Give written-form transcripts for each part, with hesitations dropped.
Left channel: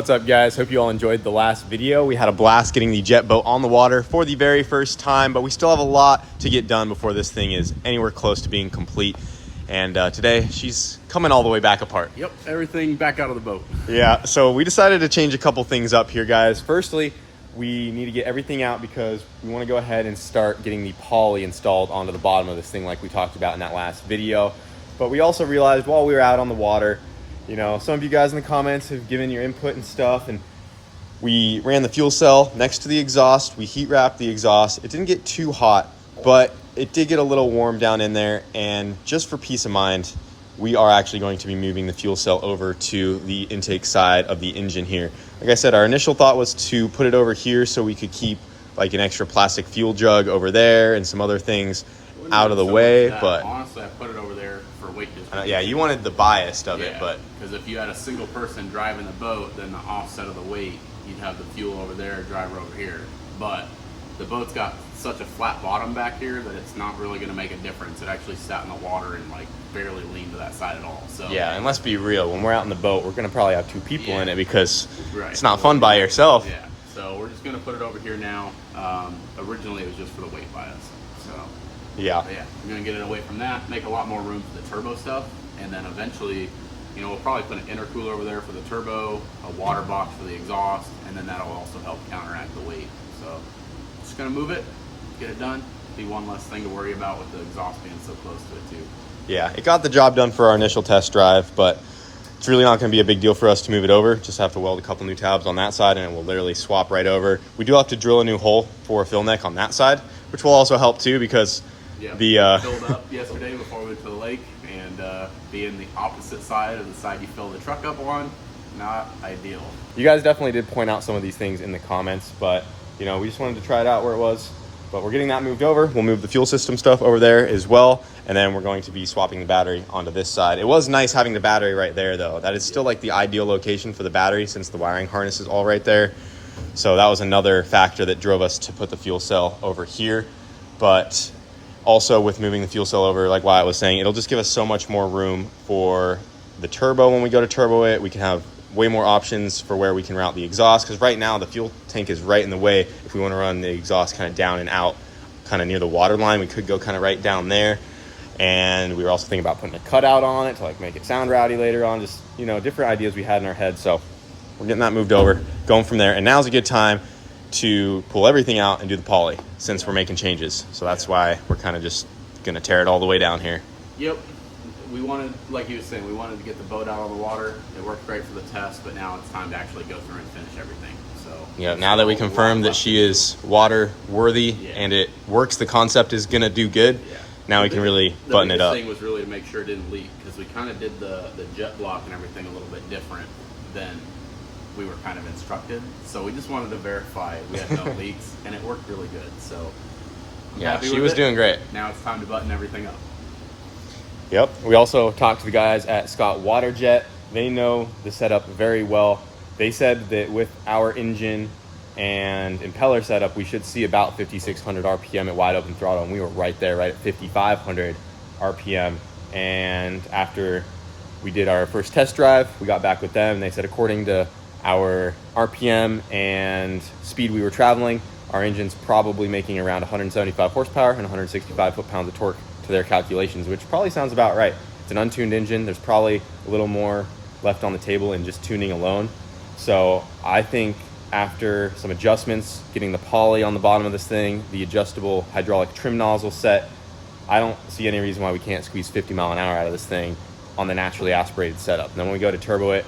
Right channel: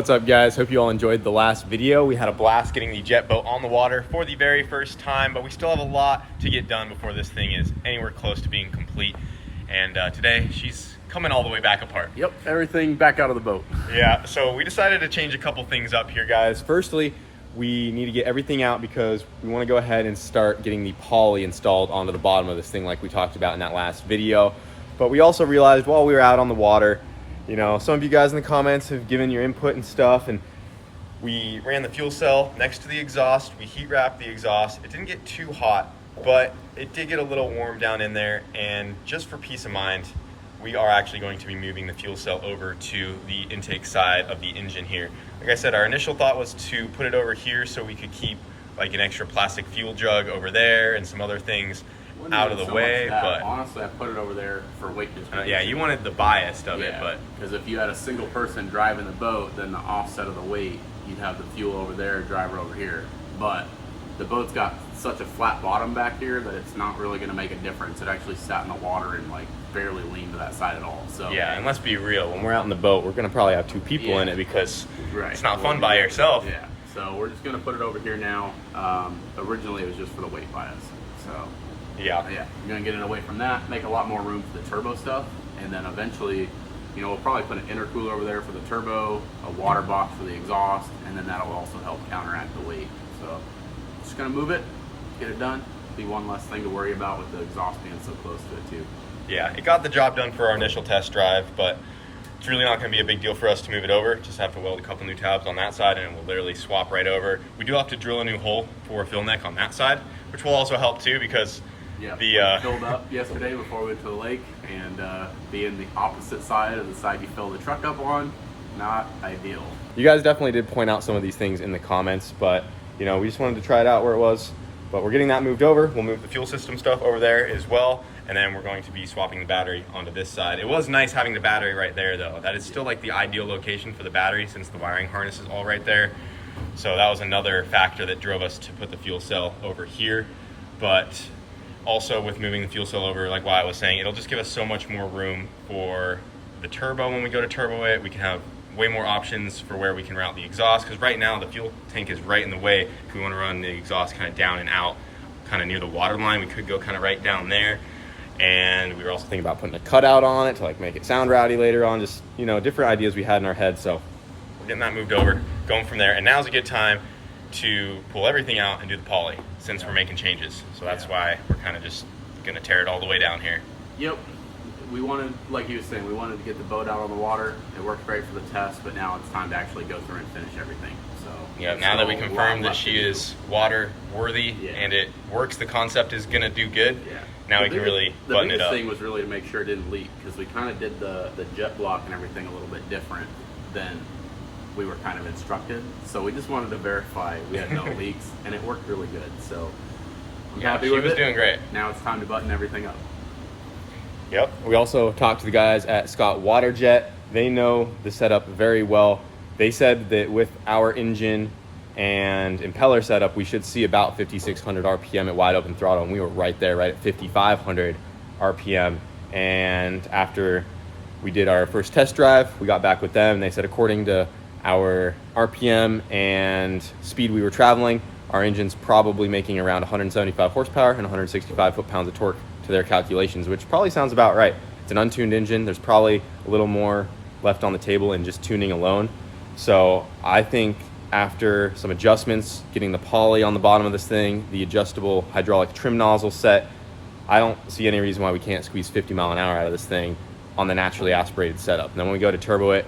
What's up, guys? Hope you all enjoyed the last video. We had a blast getting the jet boat on the water for the very first time, but we still have a lot to get done before this thing is anywhere close to being complete. And today she's coming all the way back apart. Yep, everything back out of the boat. Yeah, so we decided to change a couple things up here, guys. Firstly, we need to get everything out because we want to go ahead and start getting the poly installed onto the bottom of this thing like we talked about in that last video. But we also realized while we were out on the water, you know, some of you guys in the comments have given your input and stuff, and we ran the fuel cell next to the exhaust. We heat wrapped the exhaust. It didn't get too hot, but it did get a little warm down in there. And just for peace of mind, we are actually going to be moving the fuel cell over to the intake side of the engine here. Like I said, our initial thought was to put it over here so we could keep like an extra plastic fuel jug over there and some other things out of the way, but honestly I put it over there for weight distribution. Yeah, you wanted the bias of it, but because if you had a single person driving the boat, then the offset of the weight, you'd have the fuel over there, driver over here. But the boat's got such a flat bottom back here that it's not really going to make a difference. It actually sat in the water and like barely leaned to that side at all. So yeah, and let's be real, when we're out in the boat, we're going to probably have two people in it because it's not fun by yourself. Yeah, so we're just going to put it over here now. Originally it was just for the weight bias, so yeah, I'm gonna get it away from that, make a lot more room for the turbo stuff, and then eventually, you know, we'll probably put an intercooler over there for the turbo, a water box for the exhaust, and then that'll also help counteract the weight. So just gonna move it, get it done. Be one less thing to worry about with the exhaust being so close to it too. Yeah, it got the job done for our initial test drive, but it's really not going to be a big deal for us to move it over. Just have to weld a couple new tabs on that side and it will literally swap right over. We do have to drill a new hole for a fill neck on that side, which will also help too because filled up yesterday before we went to the lake, and being the opposite side of the side you fill the truck up on, not ideal. You guys definitely did point out some of these things in the comments, but you know, we just wanted to try it out where it was. But we're getting that moved over. We'll move the fuel system stuff over there as well, and then we're going to be swapping the battery onto this side. It was nice having the battery right there though. That is still like the ideal location for the battery since the wiring harness is all right there. So that was another factor that drove us to put the fuel cell over here. But also with moving the fuel cell over, like Wyatt was saying, it'll just give us so much more room for the turbo. When we go to turbo it, we can have way more options for where we can route the exhaust, because right now the fuel tank is right in the way. If we want to run the exhaust kind of down and out, kind of near the water line, we could go kind of right down there. And we were also thinking about putting a cutout on it to like make it sound rowdy later on, just, you know, different ideas we had in our head. So we're getting that moved over, going from there. And now's a good time to pull everything out and do the poly since we're making changes. So that's why we're kind of just gonna tear it all the way down here. Yep, we wanted, like he was saying, we wanted to get the boat out on the water. It worked great for the test, but now it's time to actually go through and finish everything. So yeah, now that we confirmed that she is water worthy and it works, the concept is gonna do good. Now we can really button it up. The biggest thing was really to make sure it didn't leak, because we kind of did the jet block and everything a little bit different than we were kind of instructed. So we just wanted to verify we had no leaks, and it worked really good. So I'm happy with it. She was doing great. Now it's time to button everything up. Yep. We also talked to the guys at Scott Waterjet. They know the setup very well. They said that with our engine and impeller setup, we should see about 5,600 RPM at wide open throttle, and we were right there, right at 5,500 RPM. And after we did our first test drive, we got back with them, and they said according to our RPM and speed we were traveling, our engine's probably making around 175 horsepower and 165 foot-pounds of torque to their calculations, which probably sounds about right. It's an untuned engine. There's probably a little more left on the table in just tuning alone. So I think after some adjustments, getting the poly on the bottom of this thing, the adjustable hydraulic trim nozzle set, I don't see any reason why we can't squeeze 50 mile an hour out of this thing on the naturally aspirated setup. And then when we go to turbo it,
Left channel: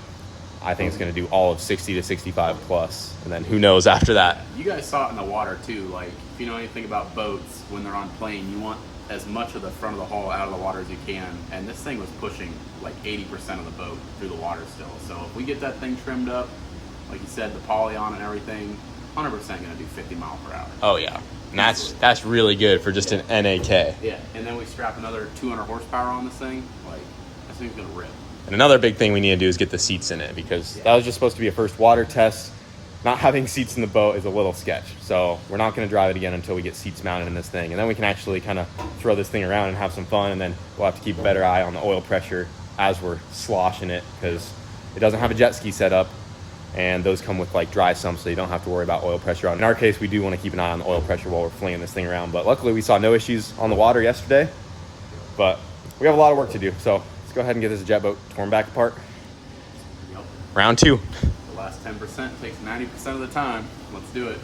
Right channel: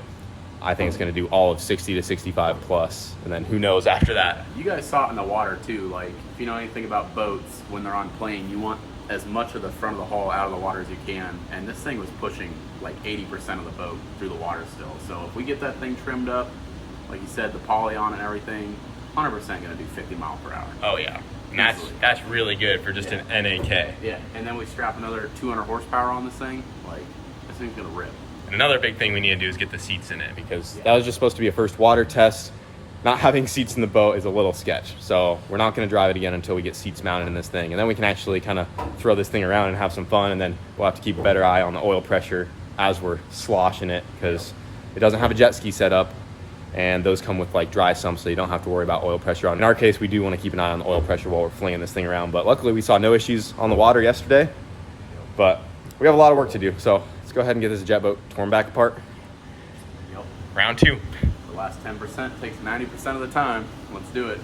I think it's going to do all of 60 to 65 plus, and then who knows after that. You guys saw it in the water too. Like, if you know anything about boats, when they're on plane, you want as much of the front of the hull out of the water as you can, and this thing was pushing like 80% of the boat through the water still. So if we get that thing trimmed up, like you said, the poly on and everything, 100% going to do 50 mile per hour. Oh yeah, and that's really good for just an NAK. Yeah, and then we strap another 200 horsepower on this thing, like this thing's going to rip. And another big thing we need to do is get the seats in it, because that was just supposed to be a first water test. Not having seats in the boat is a little sketch. So we're not going to drive it again until we get seats mounted in this thing. And then we can actually kind of throw this thing around and have some fun. And then we'll have to keep a better eye on the oil pressure as we're sloshing it, because it doesn't have a jet ski setup. and those come with like dry sumps, so you don't have to worry about oil pressure on. In our case, we do want to keep an eye on the oil pressure while we're flinging this thing around, but luckily we saw no issues on the water yesterday, but we have a lot of work to do. So let's go ahead and get this jet boat torn back apart. Yep. Round 2. The last 10% takes 90% of the time. Let's do it.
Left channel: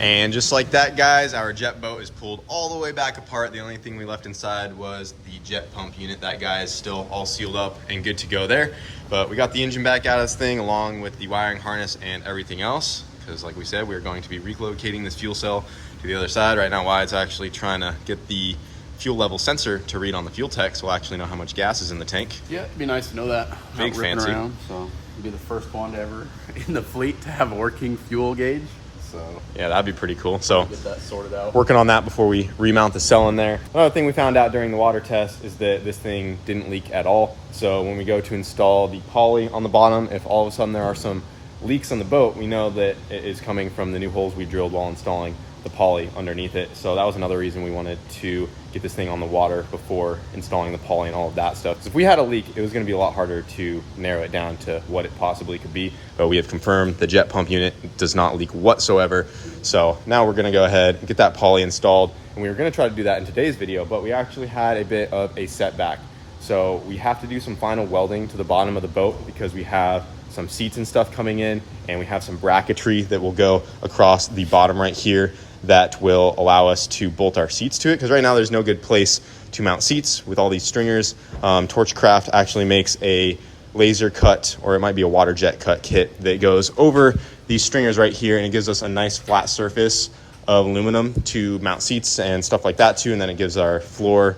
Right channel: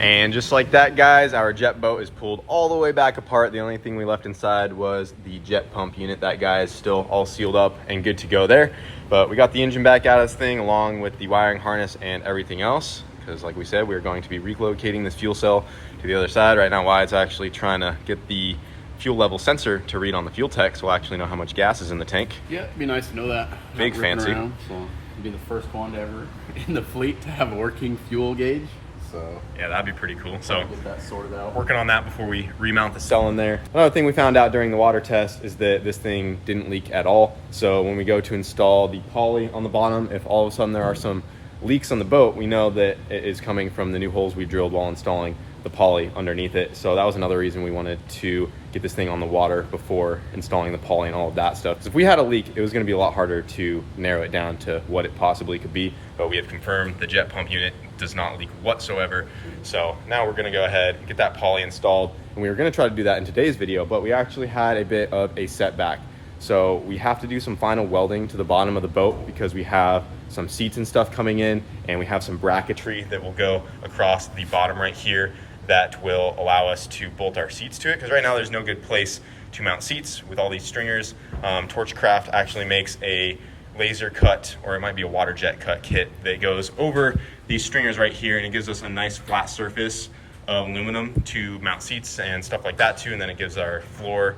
And just like that, guys, our jet boat is pulled all the way back apart. The only thing we left inside was the jet pump unit. That guy is still all sealed up and good to go there. But we got the engine back out of this thing along with the wiring harness and everything else. Because like we said, we're going to be relocating this fuel cell to the other side. Right now, Wyatt's actually trying to get the fuel level sensor to read on the fuel tech, so we'll actually know how much gas is in the tank. Yeah, it'd be nice to know that. Big fancy. Around, so you'd be the first one to ever in the fleet to have a working fuel gauge. So yeah, that'd be pretty cool. So get that sorted out. Working on that before we remount the cell in there. Another thing we found out during the water test is that this thing didn't leak at all. So when we go to install the poly on the bottom, if all of a sudden there are some leaks on the boat, we know that it is coming from the new holes we drilled while installing the poly underneath it. So that was another reason we wanted to get this thing on the water before installing the poly and all of that stuff. Because if we had a leak, it was going to be a lot harder to narrow it down to what it possibly could be. But we have confirmed the jet pump unit does not leak whatsoever. So now we're going to go ahead and get that poly installed. And we were going to try to do that in today's video, but we actually had a bit of a setback. So we have to do some final welding to the bottom of the boat because we have some seats and stuff coming in, and we have some bracketry that will go across the bottom right here that will allow us to bolt our seats to it, because right now there's no good place to mount seats with all these stringers. Torchcraft actually makes a laser cut, or it might be a water jet cut kit that goes over these stringers right here, and it gives us a nice flat surface of aluminum to mount seats and stuff like that too, and then it gives our floor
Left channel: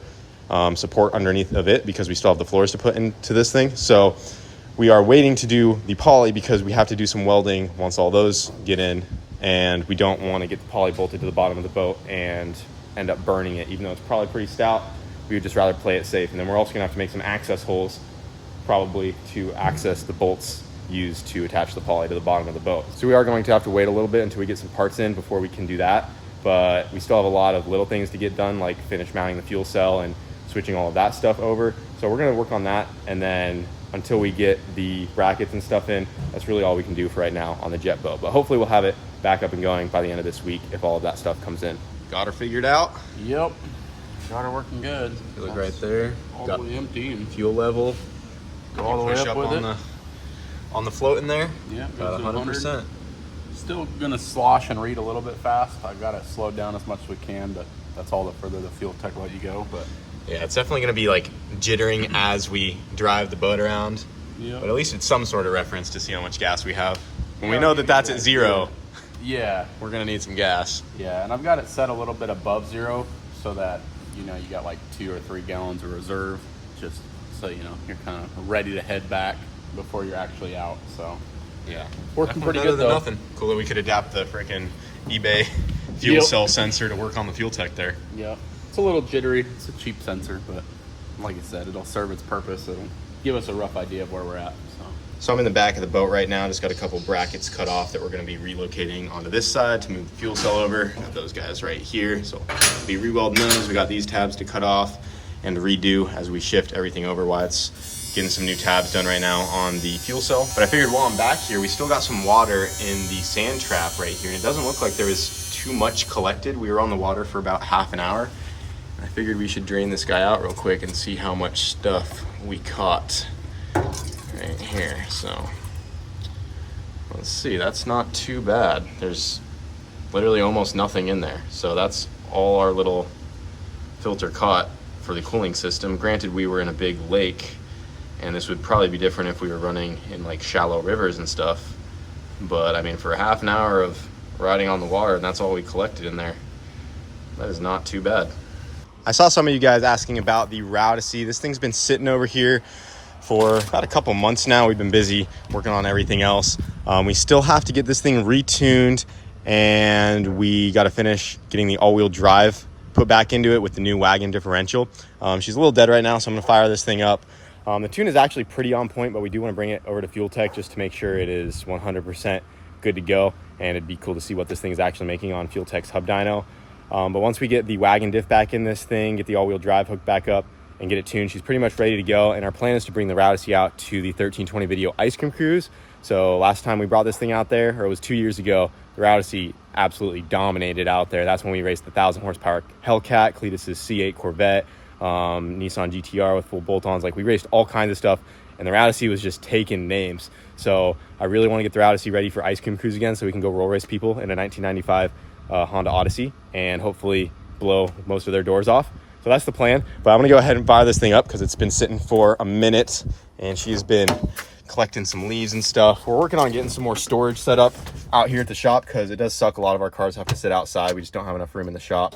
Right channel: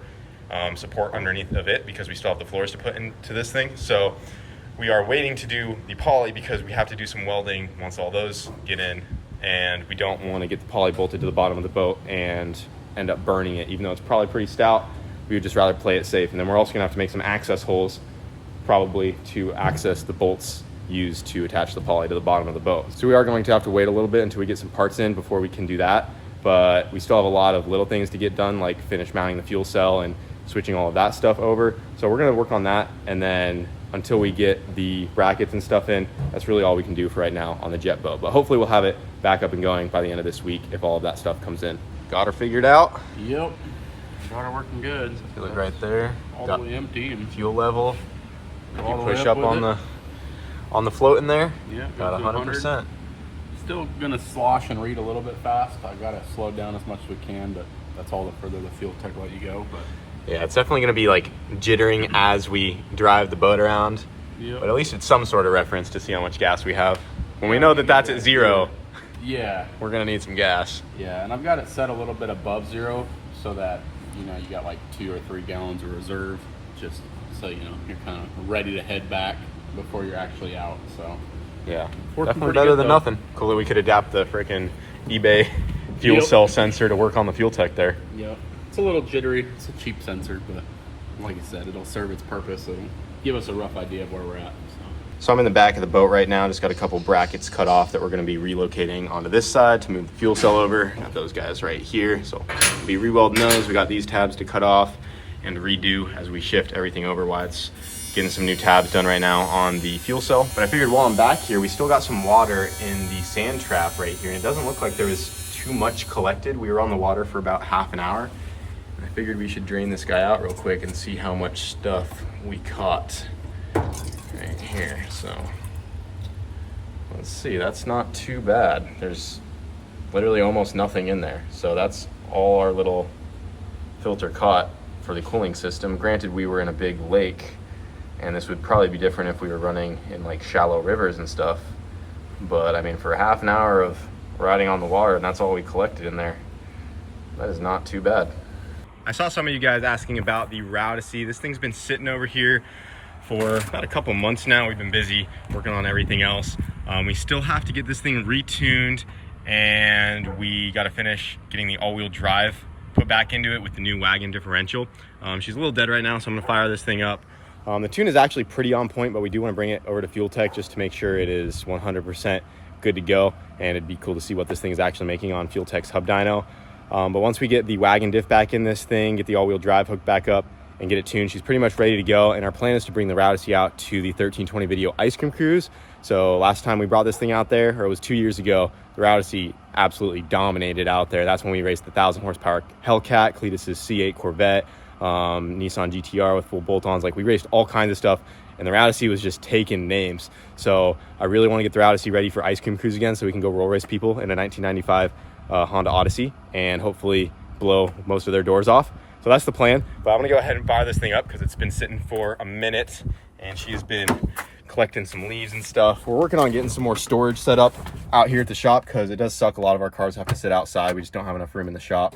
support underneath of it because we still have the floors to put into this thing. So we are waiting to do the poly because we have to do some welding once all those get in, and we don't want to get the poly bolted to the bottom of the boat and end up burning it. Even though it's probably pretty stout, we would just rather play it safe. And then we're also gonna have to make some access holes probably to access the bolts used to attach the poly to the bottom of the boat. So we are going to have to wait a little bit until we get some parts in before we can do that. But we still have a lot of little things to get done, like finish mounting the fuel cell and switching all of that stuff over. So we're gonna work on that, and then until we get the brackets and stuff in, that's really all we can do for right now on the jet boat. But hopefully we'll have it back up and going by the end of this week if all of that stuff comes in. Got her figured out. Yep. Got her working good. If you look right there, all the way empty and fuel level. If you all the way push up on the float in there, yeah, got 100%. Still gonna slosh and read a little bit fast. I gotta slow down as much as we can, but that's all the further the fuel tech let you go. But yeah, it's definitely gonna be like jittering as we drive the boat around. Yep. But at least it's some sort of reference to see how much gas we have. When we know that that's at zero, yeah, we're gonna need some gas. Yeah, and I've got it set a little bit above zero so that, you know, you got like 2 or 3 gallons of reserve, just so, you know, you're kind of ready to head back before you're actually out. So yeah, working definitely better than nothing. Cool that we could adapt the freaking eBay fuel cell sensor to work on the fuel tech there. Yeah, it's a little jittery. It's a cheap sensor, but like I said, it'll serve its purpose. It'll give us a rough idea of where we're at. So I'm in the back of the boat right now. Just got a couple brackets cut off that we're going to be relocating onto this side to move the fuel cell over. Got those guys right here. So we'll be re-welding those. We got these tabs to cut off and redo as we shift everything over. While it's getting some new tabs done right now on the fuel cell. But I figured while I'm back here, we still got some water in the sand trap right here. And it doesn't look like there was too much collected. We were on the water for about half an hour. And I figured we should drain this guy out real quick and see how much stuff we caught right here. So let's see, that's not too bad. There's literally almost nothing in there. So that's all our little filter caught for the cooling system. Granted, we were in a big lake, and this would probably be different if we were running in like shallow rivers and stuff. But I mean, for half an hour of riding on the water, and that's all we collected in there, that is not too bad. I saw some of you guys asking about the Rowdicey. This thing's been sitting over here for about a couple months now. We've been busy working on everything else. We still have to get this thing retuned and we got to finish getting the all-wheel drive put back into it with the new wagon differential. She's a little dead right now, so I'm gonna fire this thing up. The tune is actually pretty on point, but we do want to bring it over to Fuel Tech just to make sure it is 100% good to go, and it'd be cool to see what this thing is actually making on Fuel Tech's hub dyno. But once we get the wagon diff back in this thing, get the all-wheel drive hooked back up, and get it tuned, she's pretty much ready to go. And our plan is to bring the Routacy out to the 1320 video ice cream cruise. So last time we brought this thing out there, or it was 2 years ago, the Routacy absolutely dominated out there. That's when we raced the 1,000 horsepower Hellcat, Cletus's C8 Corvette, Nissan GTR with full bolt-ons. Like, we raced all kinds of stuff, and the Routacy was just taking names. So I really want to get the Routacy ready for ice cream cruise again, so we can go roll race people in a 1995 Honda Odyssey and hopefully blow most of their doors off. So that's the plan. But I'm gonna go ahead and fire this thing up because it's been sitting for a minute and she's been collecting some leaves and stuff. We're working on getting some more storage set up out here at the shop because it does suck. A lot of our cars have to sit outside. We just don't have enough room in the shop.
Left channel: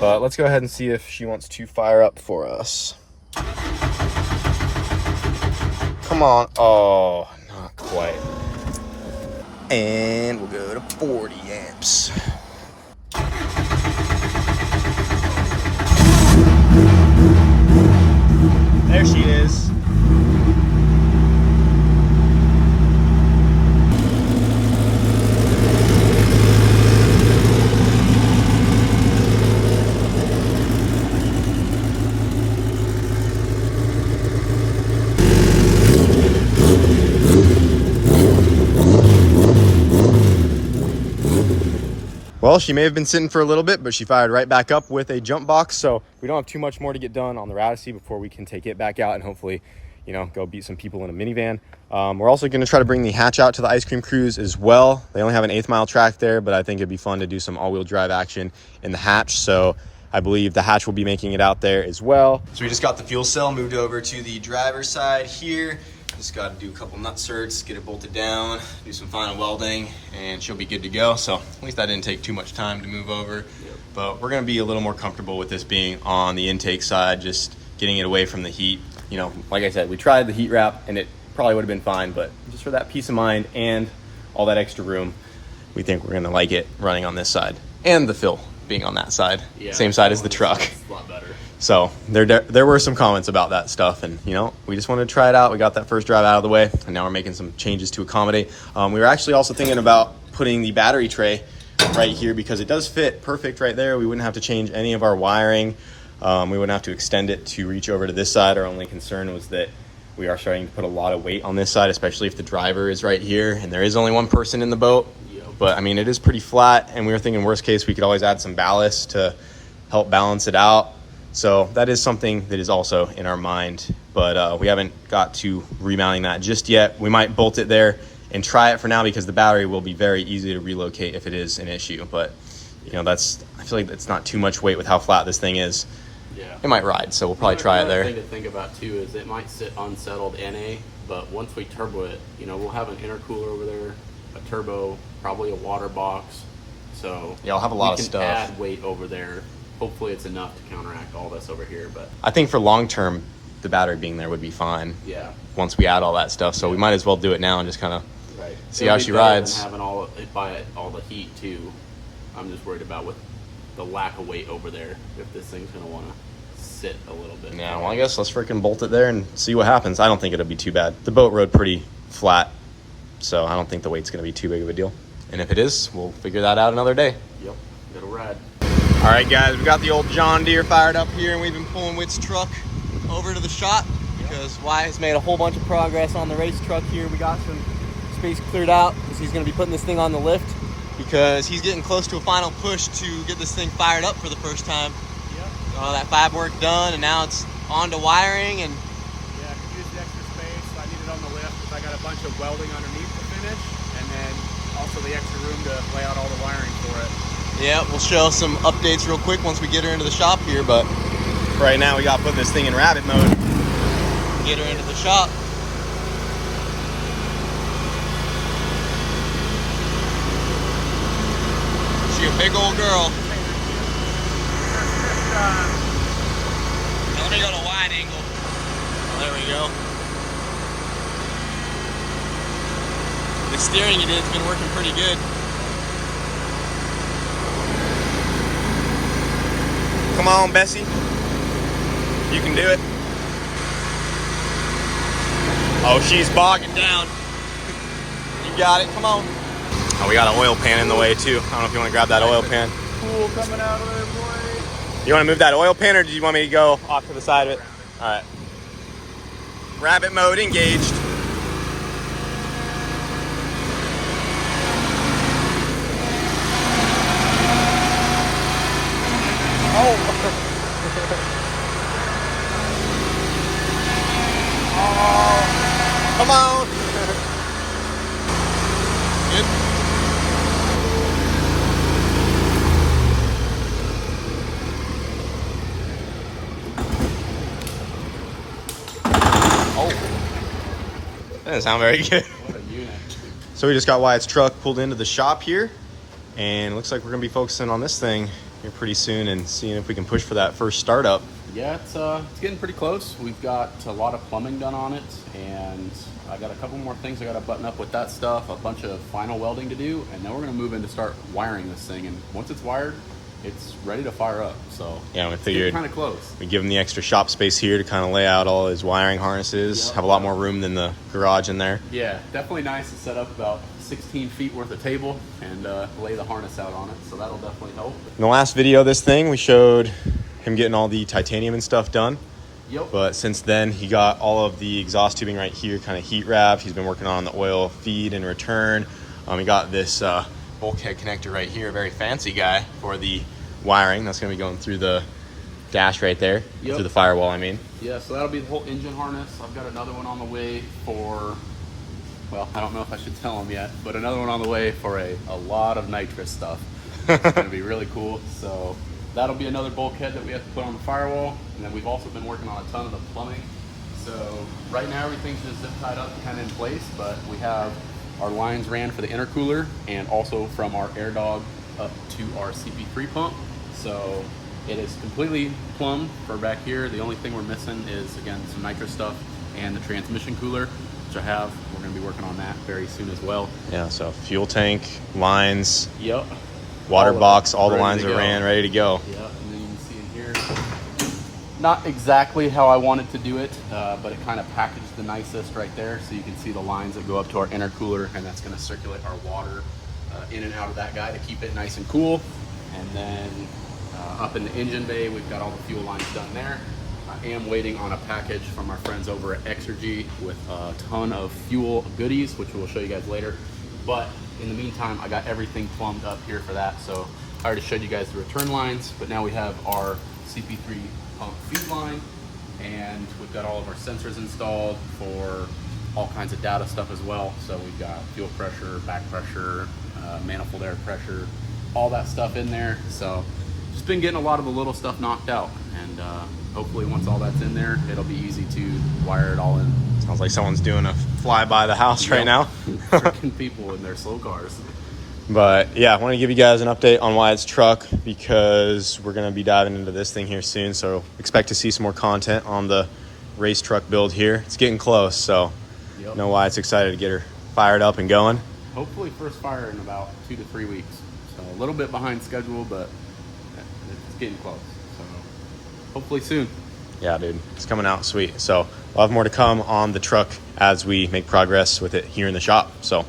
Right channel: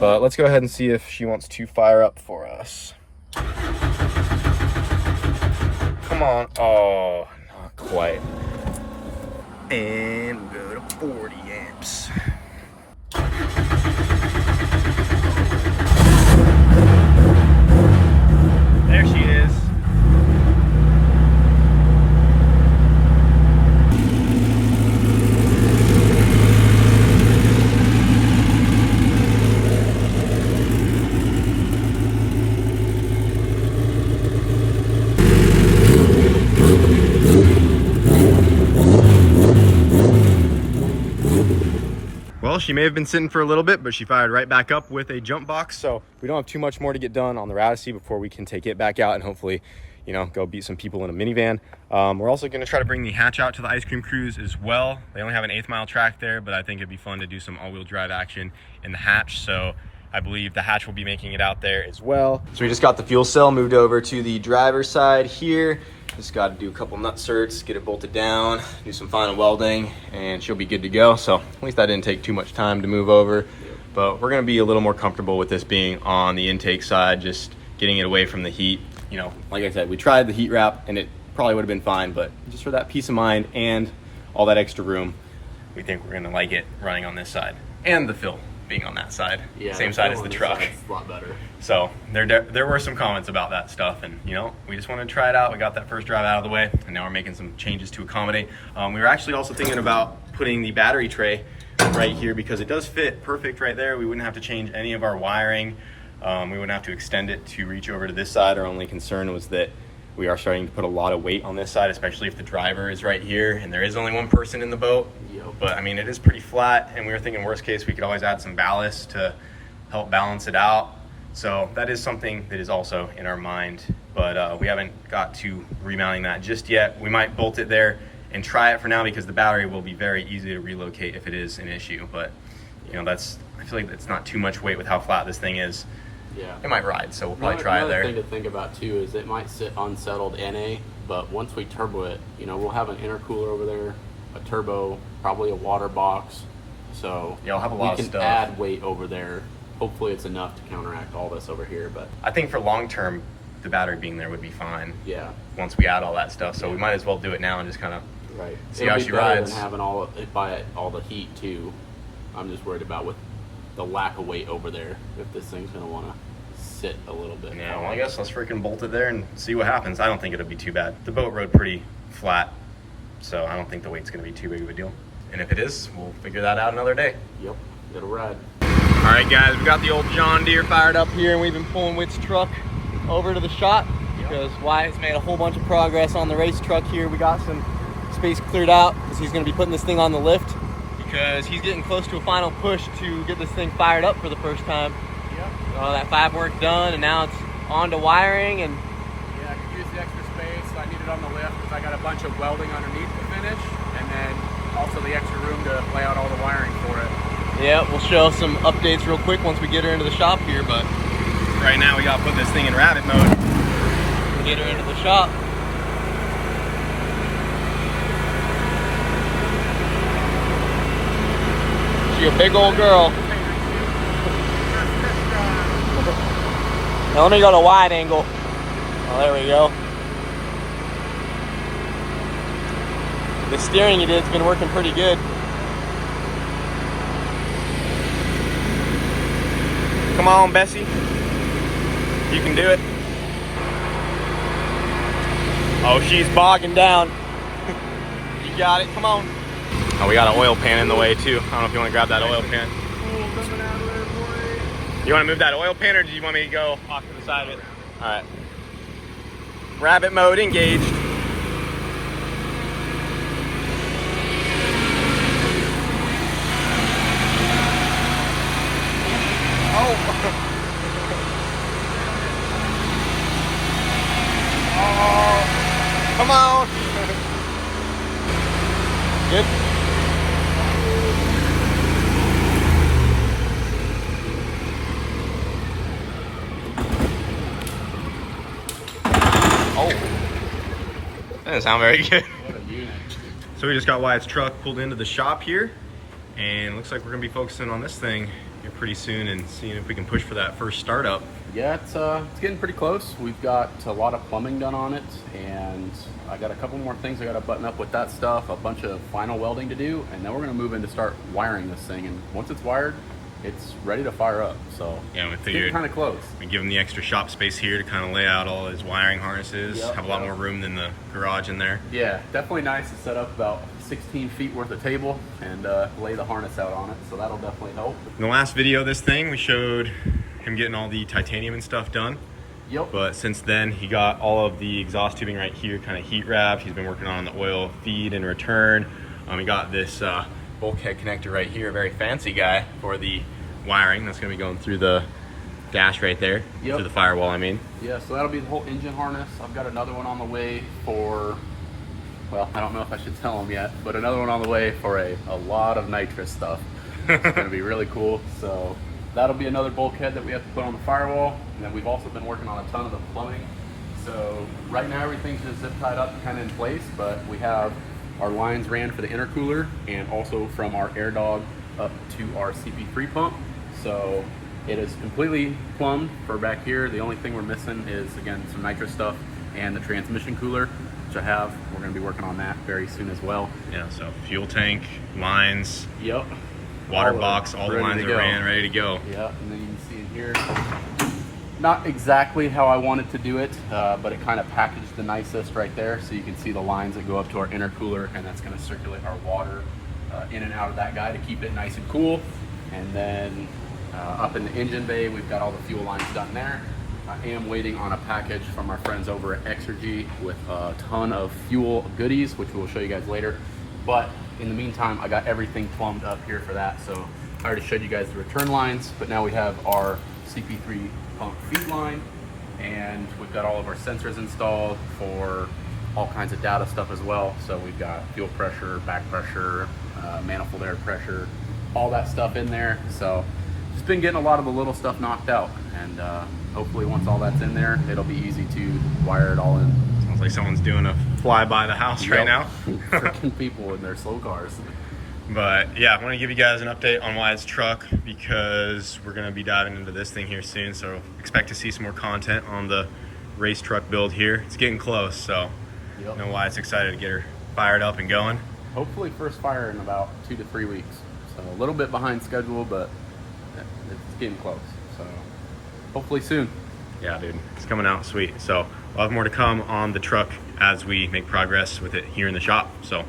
But let's go ahead and see if she wants to fire up for us. Come on. Oh, not quite. And we'll go to 40 amps. There she is. Well, she may have been sitting for a little bit, but she fired right back up with a jump box. So we don't have too much more to get done on the Routacy before we can take it back out and hopefully, you know, go beat some people in a minivan. We're also going to try to bring the hatch out to the ice cream cruise as well. They only have an 1/8 mile track there, but I think it'd be fun to do some all-wheel drive action in the hatch. So I believe the hatch will be making it out there as well. So we just got the fuel cell moved over to the driver's side here. Just got to do a couple nut certs, get it bolted down, do some final welding, and she'll be good to go. So at least that didn't take too much time to move over. Yep. But we're going to be a little more comfortable with this being on the intake side, just getting it away from the heat. You know, like I said, we tried the heat wrap and it probably would have been fine, but just for that peace of mind and all that extra room, we think we're going to like it running on this side and the fill being on that side. Yeah, same side as the truck. A lot better. So there were some comments about that stuff, and you know, we just wanted to try it out. We got that first drive out of the way, and now we're making some changes to accommodate. We were actually also thinking about putting the battery tray right here because it does fit perfect right there. We wouldn't have to change any of our wiring. We wouldn't have to extend it to reach over to this side. Our only concern was that we are starting to put a lot of weight on this side, especially if the driver is right here and there is only one person in the boat. Yep. But I mean, it is pretty flat, and we were thinking worst case we could always add some ballast to help balance it out. So that is something that is also in our mind, but we haven't got to remounting that just yet. We might bolt it there and try it for now because the battery will be very easy to relocate if it is an issue. But you know, I feel like it's not too much weight with how flat this thing is. Yeah, it might ride, so we'll probably try it there. Another thing to think about too is it might sit unsettled NA, but once we turbo it, you know, we'll have an intercooler over there, a turbo, probably a water box. So yeah, I'll have a lot of stuff. We can add weight over there. Hopefully it's enough to counteract all this over here, but I think for long term, the battery being there would be fine. Yeah. Once we add all that stuff, so we might as well do it now and just kind of see how she rides. Than having all the heat too. I'm just worried about with the lack of weight over there if this thing's gonna want to sit a little bit. Yeah, well, I guess let's freaking bolt it there and see what happens. I don't think it'll be too bad. The boat rode pretty flat, so I don't think the weight's gonna be too big of a deal. And if it is, we'll figure that out another day. Yep, it'll ride. All right, guys, we've got the old John Deere fired up here, and we've been pulling Witt's truck over to the shop because Wyatt's made a whole bunch of progress on the race truck here. We got some space cleared out because he's gonna be putting this thing on the lift because he's getting close to a final push to get this thing fired up for the first time. All that fab work done, and now it's on to wiring. And yeah, I could use the extra space. So I need it on the lift because I got a bunch of welding underneath to finish, and then also the extra room to lay out all the wiring for it. Yeah, we'll show some updates real quick once we get her into the shop here, but right now we got to put this thing in rabbit mode. Get her into the shop. She a big old girl. Now let me go to wide angle. Oh, there we go. The steering it is been working pretty good. Come on, Bessie. You can do it. Oh, she's bogging down. You got it, come on. Oh, we got an oil pan in the way too. I don't know if you want to grab that oil pan. Cool coming out of there, boy. You want to move that oil pan, or do you want me to go off to the side of it? All right. Rabbit mode engaged. Oh. Oh, come on. Good. Oh, that doesn't sound very good. What a unit. So we just got Wyatt's truck pulled into the shop here, and it looks like we're gonna be focusing on this thing here pretty soon and seeing if we can push for that first startup. Yeah, it's getting pretty close. We've got a lot of plumbing done on it, and I got a couple more things I got to button up with that stuff, a bunch of final welding to do, and then we're going to move in to start wiring this thing. And once it's wired, it's ready to fire up. So yeah, we figured kind of close. We give him the extra shop space here to kind of lay out all his wiring harnesses. Have a lot more room than the garage in there. Yeah, definitely nice to set up about 16 feet worth of table and lay the harness out on it. So that'll definitely help. In the last video of this thing, we showed him getting all the titanium and stuff done. Yep. But since then, he got all of the exhaust tubing right here kind of heat wrapped. He's been working on the oil feed and return. He got this bulkhead connector right here, a very fancy guy for the wiring. That's going to be going through the dash right there, through the firewall, I mean. Yeah, so that'll be the whole engine harness. I've got another one on the way for, well, I don't know if I should tell him yet, but another one on the way for a lot of nitrous stuff. It's going to be really cool. So that'll be another bulkhead that we have to put on the firewall. And then we've also been working on a ton of the plumbing. So right now everything's just zip tied up kind of in place, but we have our lines ran for the intercooler and also from our air dog up to our CP3 pump. So it is completely plumbed for back here. The only thing we're missing is, again, some nitrous stuff and the transmission cooler, which I have. We're going to be working on that very soon as well. Yeah, so fuel tank, lines, yep, water box, all the lines are ran, ready to go. Yep, and then you can see in here, not exactly how I wanted to do it, but it kind of packaged the nicest right there. So you can see the lines that go up to our intercooler, and that's going to circulate our water in and out of that guy to keep it nice and cool. And then up in the engine bay, we've got all the fuel lines done there. I am waiting on a package from our friends over at Exergy with a ton of fuel goodies, which we'll show you guys later. But in the meantime, I got everything plumbed up here for that. So I already showed you guys the return lines, but now we have our CP3 pump feed line, and we've got all of our sensors installed for all kinds of data stuff as well. So we've got fuel pressure, back pressure, manifold air pressure, all that stuff in there. So just been getting a lot of the little stuff knocked out, and hopefully once all that's in there, it'll be easy to wire it all in. Sounds like someone's doing a fly by the house right now. Freaking people in their slow cars. But yeah, I want to give you guys an update on Wyatt's truck because we're going to be diving into this thing here soon. So expect to see some more content on the race truck build here. It's getting close, so you know Wyatt's excited to get her fired up and going. Hopefully first fire in about 2 to 3 weeks. So a little bit behind schedule, but it's getting close. So hopefully soon. Yeah, dude, it's coming out sweet. So we'll have more to come on the truck as we make progress with it here in the shop. So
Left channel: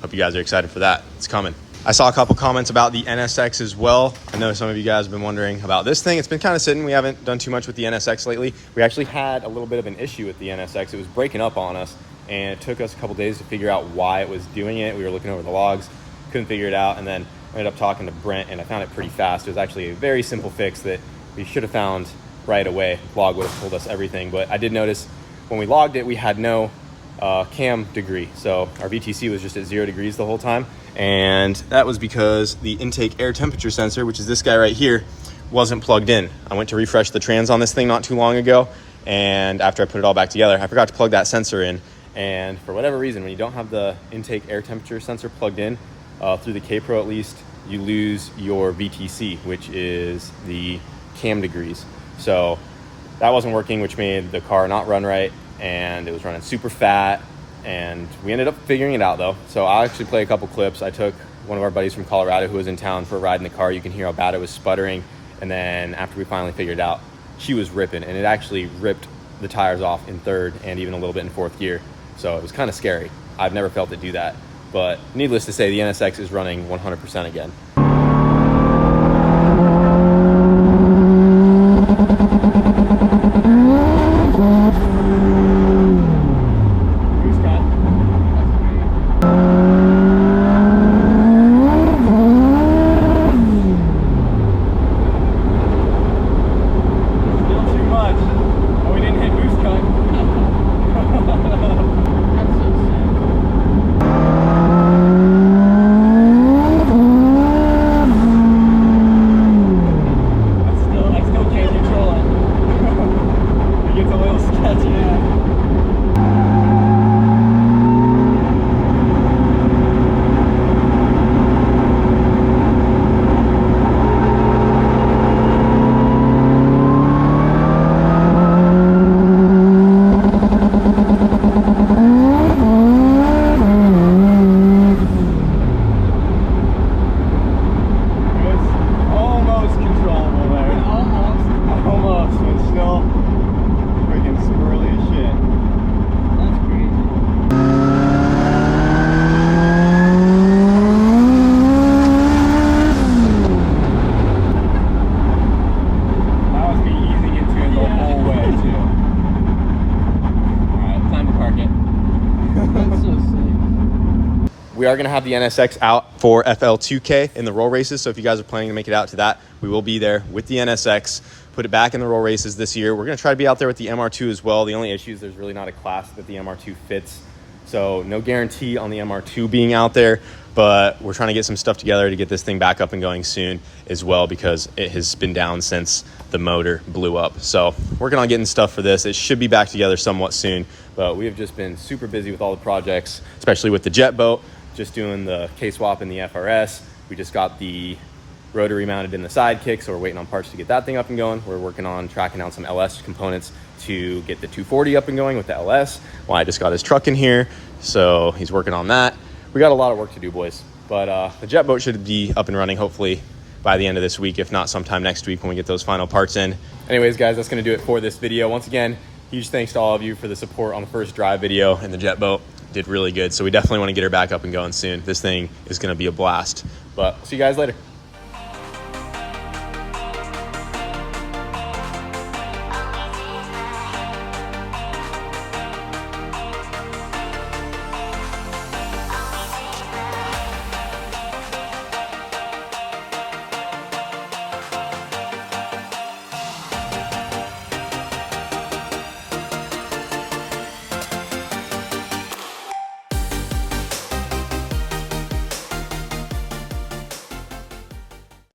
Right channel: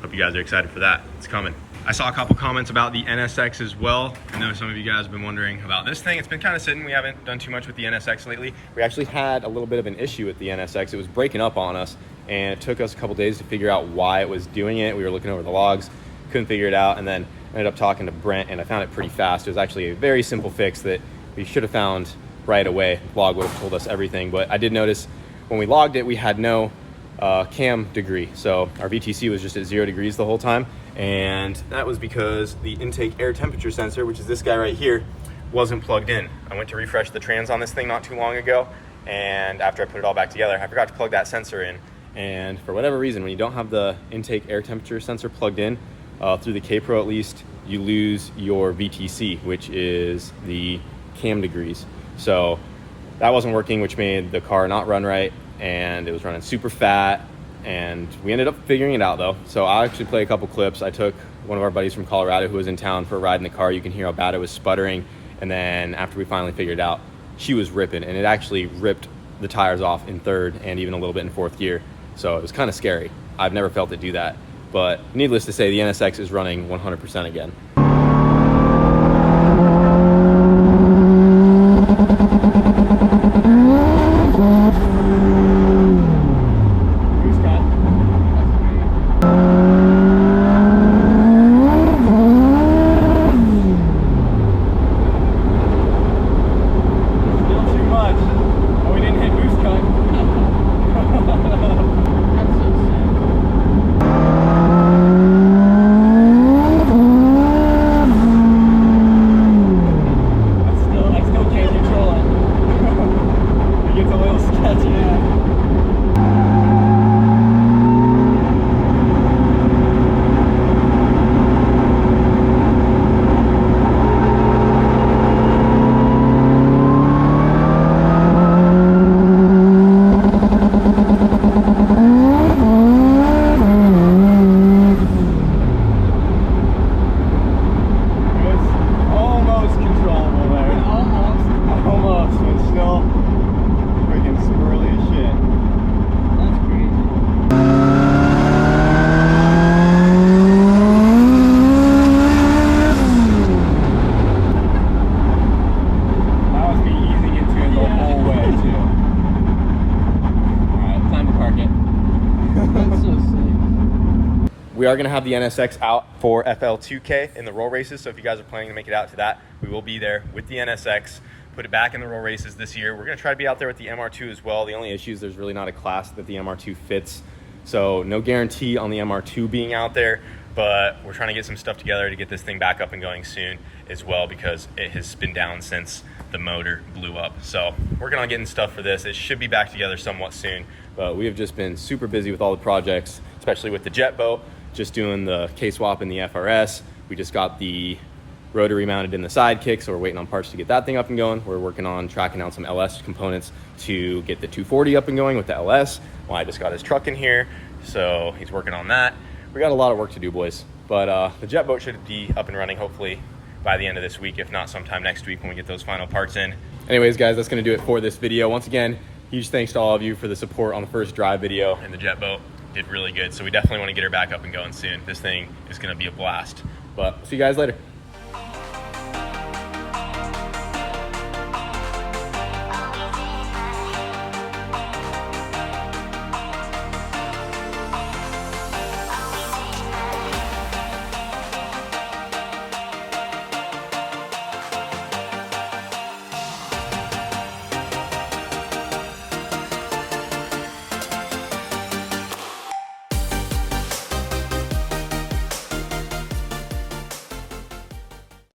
hope you guys are excited for that. It's coming. I saw a couple comments about the NSX as well. I know some of you guys have been wondering about this thing. It's been kind of sitting. We haven't done too much with the NSX lately. We actually had a little bit of an issue with the NSX. It was breaking up on us, and it took us a couple days to figure out why it was doing it. We were looking over the logs, couldn't figure it out, and then I ended up talking to Brent, and I found it pretty fast. It was actually a very simple fix that we should have found right away. The log would have told us everything, but I did notice when we logged it, we had no cam degree. So our VTC was just at 0 degrees the whole time. And that was because the intake air temperature sensor, which is this guy right here, wasn't plugged in. I went to refresh the trans on this thing not too long ago, and after I put it all back together, I forgot to plug that sensor in. And for whatever reason, when you don't have the intake air temperature sensor plugged in, through the K-Pro at least, you lose your VTC, which is the cam degrees. So that wasn't working, which made the car not run right, and it was running super fat. And we ended up figuring it out though. So I'll actually play a couple clips. I took one of our buddies from Colorado who was in town for a ride in the car. You can hear how bad it was sputtering. And then after we finally figured it out, she was ripping, and it actually ripped the tires off in third and even a little bit in fourth gear. So it was kind of scary. I've never felt it do that. But needless to say, the NSX is running 100% again. We are going to have the NSX out for FL2K in the roll races. So if you guys are planning to make it out to that, we will be there with the NSX, put it back in the roll races this year. We're going to try to be out there with the MR2 as well. The only issue is there's really not a class that the MR2 fits. So no guarantee on the MR2 being out there, but we're trying to get some stuff together to get this thing back up and going soon as well, because it has been down since the motor blew up. So working on getting stuff for this. It should be back together somewhat soon, but we have just been super busy with all the projects, especially with the jet boat. Just doing the K-swap in the FRS. We just got the rotary mounted in the sidekick, so we're waiting on parts to get that thing up and going. We're working on tracking out some LS components to get the 240 up and going with the LS. Well, I just got his truck in here, so he's working on that. We got a lot of work to do, boys. But the jet boat should be up and running hopefully by the end of this week, if not sometime next week when we get those final parts in. Anyways, guys, that's gonna do it for this video. Once again, huge thanks to all of you for the support on the first drive video in the jet boat. Did really good, so we definitely want to get her back up and going soon. This thing is going to be a blast. But see you guys later.